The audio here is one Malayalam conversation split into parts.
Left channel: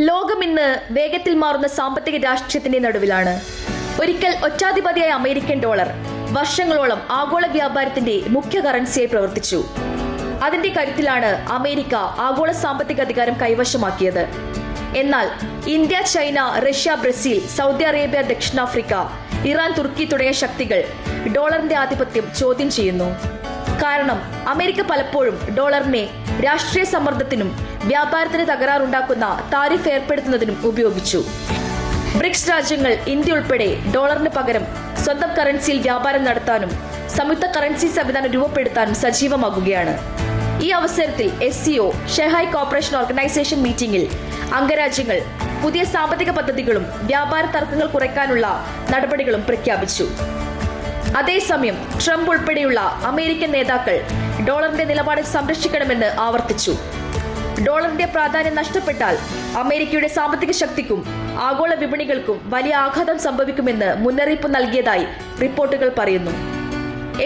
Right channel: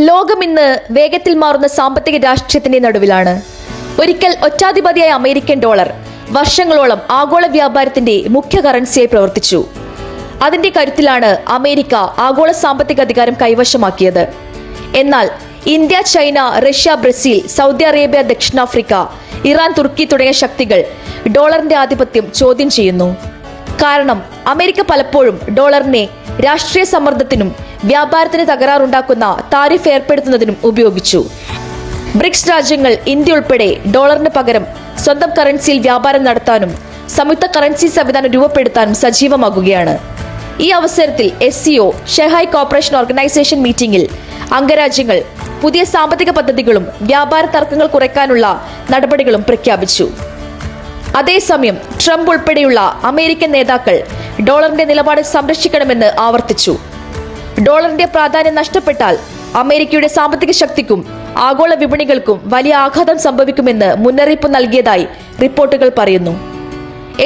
ലോകം ഇന്ന് വേഗത്തിൽ മാറുന്ന സാമ്പത്തിക രാഷ്ട്രീയത്തിന്റെ നടുവിലാണ്. ഒരിക്കൽ ഒറ്റാധിപതിയായ അമേരിക്കൻ ഡോളർ വർഷങ്ങളോളം ആഗോള വ്യാപാരത്തിന്റെ മുഖ്യ കറൻസിയായി പ്രവർത്തിച്ചു. അതിന്റെ കരുത്തിലാണ് അമേരിക്ക ആഗോള സാമ്പത്തിക അധികാരം കൈവശമാക്കിയത്. എന്നാൽ India, China, Russia, Brazil, Saudi Arabia, ദക്ഷിണാഫ്രിക്ക, ഇറാൻ, തുർക്കി തുടങ്ങിയ ശക്തികൾ ഡോളറിന്റെ ആധിപത്യം ചോദ്യം ചെയ്യുന്നു. കാരണം അമേരിക്ക പലപ്പോഴും ഡോളറിനെ രാഷ്ട്രീയ സമ്മർദ്ദത്തിനും വ്യാപാരത്തിന് തകരാറുണ്ടാക്കുന്ന താരിഫ് ഏർപ്പെടുത്തുന്നതിനും ഉപയോഗിച്ചു. ബ്രിക്സ് രാജ്യങ്ങൾ ഇന്ത്യ ഉൾപ്പെടെ ഡോളറിന് പകരം സ്വന്തം കറൻസിയിൽ വ്യാപാരം നടത്താനും സംയുക്ത കറൻസി സംവിധാനം രൂപപ്പെടുത്താനും സജീവമാകുകയാണ്. ഈ അവസരത്തിൽ SCO ഷെഹായ് കോർപ്പറേഷൻ ഓർഗനൈസേഷൻ മീറ്റിംഗിൽ അംഗരാജ്യങ്ങൾ പുതിയ സാമ്പത്തിക പദ്ധതികളും വ്യാപാര തർക്കങ്ങൾ കുറയ്ക്കാനുള്ള നടപടികളും പ്രഖ്യാപിച്ചു. അതേസമയം ട്രംപ് ഉൾപ്പെടെയുള്ള അമേരിക്കൻ നേതാക്കൾ ഡോളറിന്റെ നിലപാട് സംരക്ഷിക്കണമെന്ന് ആവർത്തിച്ചു. ഡോളറിന്റെ പ്രാധാന്യം നഷ്ടപ്പെട്ടാൽ അമേരിക്കയുടെ സാമ്പത്തിക ശക്തിക്കും ആഗോള വിപണികൾക്കും വലിയ ആഘാതം സംഭവിക്കുമെന്ന് മുന്നറിയിപ്പ് നൽകിയതായി റിപ്പോർട്ടുകൾ പറയുന്നു.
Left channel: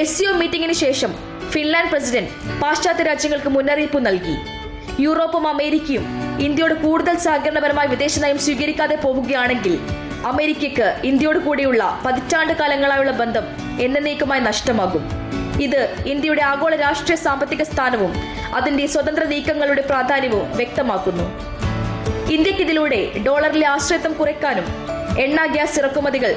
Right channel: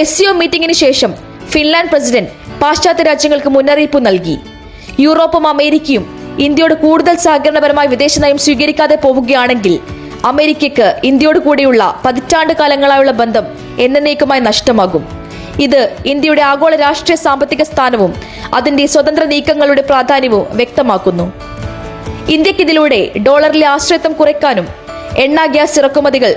SCO മീറ്റിംഗിന് ശേഷം ഫിൻലാൻഡ് പ്രസിഡന്റ് പാശ്ചാത്യ രാജ്യങ്ങൾക്ക് മുന്നറിയിപ്പ് നൽകി. യൂറോപ്പും അമേരിക്കയും ഇന്ത്യയോട് കൂടുതൽ സഹകരണപരമായ വിദേശ നയം സ്വീകരിക്കാതെ പോവുകയാണെങ്കിൽ അമേരിക്കയ്ക്ക് ഇന്ത്യയോട് കൂടിയുള്ള പതിറ്റാണ്ട് കാലങ്ങളായുള്ള ബന്ധം എന്നേക്കുമായി നഷ്ടമാകും. ഇത് ഇന്ത്യയുടെ ആഗോള രാഷ്ട്രീയ സാമ്പത്തിക സ്ഥാനവും അതിന്റെ സ്വതന്ത്ര നീക്കങ്ങളുടെ പ്രാധാന്യവും വ്യക്തമാക്കുന്നു. ഇന്ത്യക്കിതിലൂടെ ഡോളറിലെ ആശ്രയത്വം കുറയ്ക്കാനും എണ്ണ, ഗ്യാസ് ഇറക്കുമതികൾ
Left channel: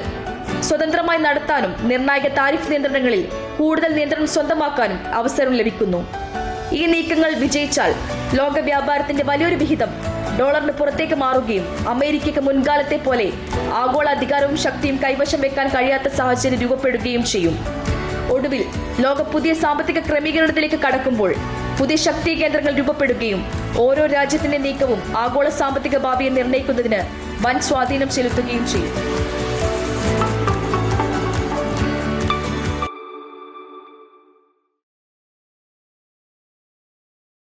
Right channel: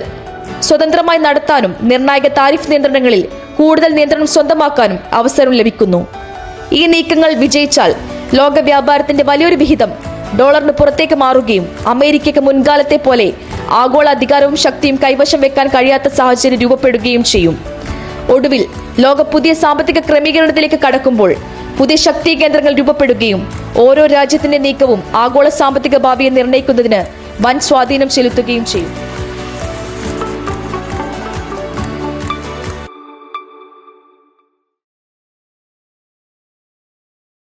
സ്വതന്ത്രമായി നടത്താനും നിർണായക താരിഫ് നിയന്ത്രണങ്ങളിൽ കൂടുതൽ നിയന്ത്രണം സ്വന്തമാക്കാനും അവസരം ലഭിക്കുന്നു. ഈ നീക്കങ്ങൾ വിജയിച്ചാൽ ലോക വ്യാപാരത്തിന്റെ വലിയൊരു വിഹിതം ഡോളറിന് പുറത്തേക്ക് മാറുകയും അമേരിക്കയ്ക്ക് മുൻകാലത്തെ പോലെ ആഗോള അധികാരവും ശക്തിയും കൈവശം വെക്കാൻ കഴിയാത്ത സാഹചര്യം രൂപപ്പെടുകയും ചെയ്യും. ഒടുവിൽ ലോകം പുതിയ സാമ്പത്തിക ക്രമീകരണത്തിലേക്ക് കടക്കുമ്പോൾ പുതിയ ശക്തി കേന്ദ്രങ്ങൾ രൂപപ്പെടുകയും ഓരോ രാജ്യത്തിന്റെ നീക്കവും ആഗോള സാമ്പത്തിക ഭാവിയെ നിർണ്ണയിക്കുന്നതിന് വൻ സ്വാധീനം ചെലുത്തുകയും ചെയ്യും.